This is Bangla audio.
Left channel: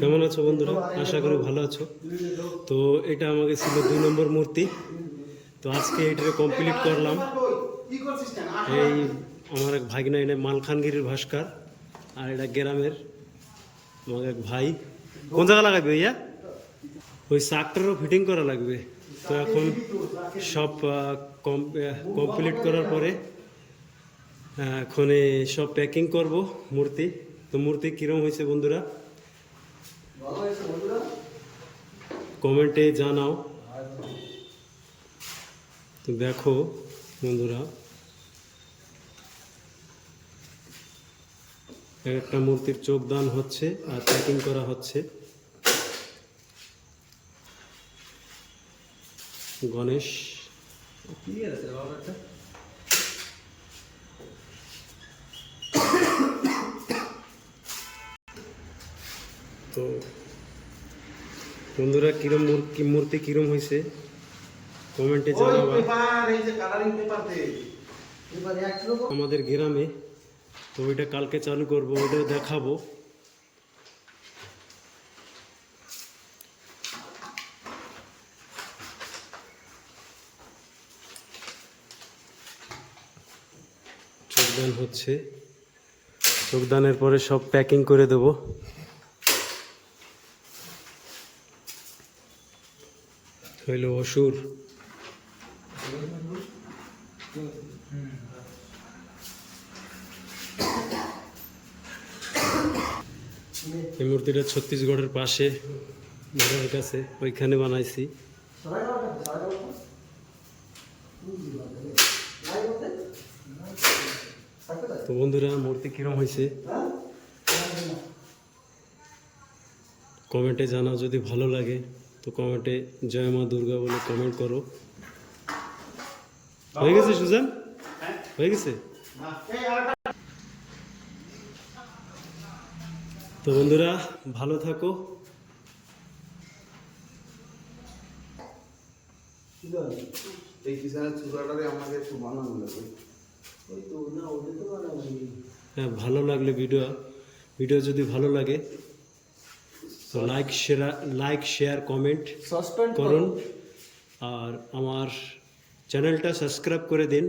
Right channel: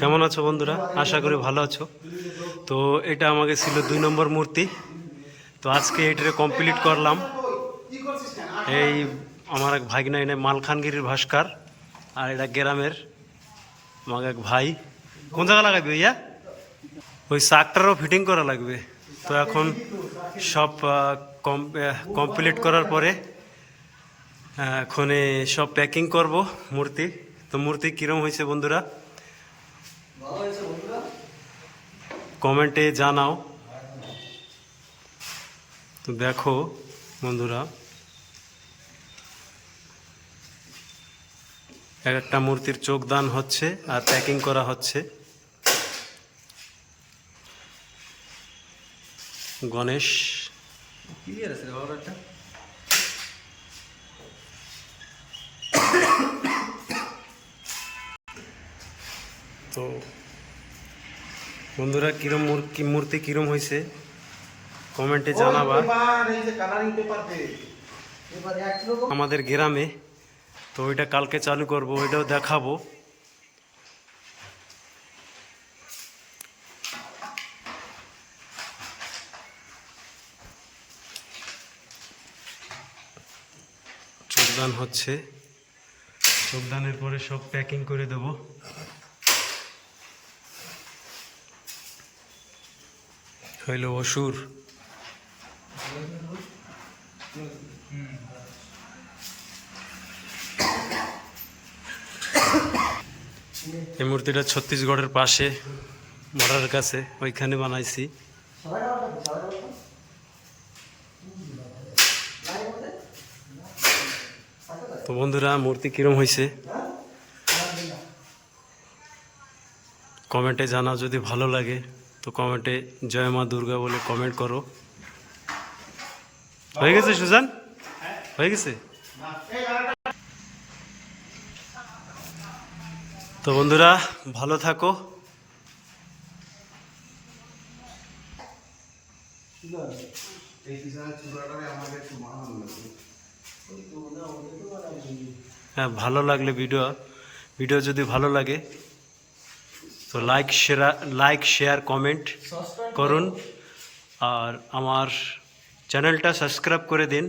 কেমন আছো বন্ধুরা? আশা করি ভালো আছো। তো এটা আমাকে ছিল 2 নম্বর মূর্তি। তো আজকে এটারে কমপ্লিট করলাম। এই আমার এক ভাগনা এনে মালখানগিরির ভাস্কর, আর এটা গ্রামের আমার এক ভাই। কোন জায়গা লাগাবে ভাইয়া? ওই চাকটারও ফিটিং করা লাগবে। তো এখন সব কমপ্লিট করার পরে এখন সব প্যাকিং করব মূর্তি। তো মূর্তি কীরকম হয়েছে বন্ধুরা কমেন্টে জানাও। তো দেখো বন্ধুরা, এক একটা মূর্তির চোখ দান হচ্ছে আর প্যাকিং করা হচ্ছে। গণেশ তো বন্ধুরা কিরম মূর্তি কিরম হয়েছে কমেন্টে জানাবা। আমাদের গ্রামে তো ওইটা কালকে চালু করব, ওইটাও দেখাবো। চোখদান হচ্ছে, চোখদানের পরে সব প্যাকিং করে দেব। হইল অসুর। এই মূর্তিটা ছত্তিশগড়ের পাশে বর্ডারের কাছে, ওইখানে বানাইছি। তো বন্ধুরা মূর্তি কিরম হয়েছে কমেন্টে জানাও। যদি ভালো লাগে তো কমেন্টে জয় মা দুর্গা বলে কমেন্ট করো। হয়ে গেছে সুজান? হয়ে গেছে? তো বন্ধুরা ভালো থাকো। হ্যাঁ, ভালো লাগলে ভিডিও যদি ভালো লাগে তো লাইক শেয়ার কমেন্ট করুন, আর আমার চ্যানেলটা সাবস্ক্রাইব করে দিন।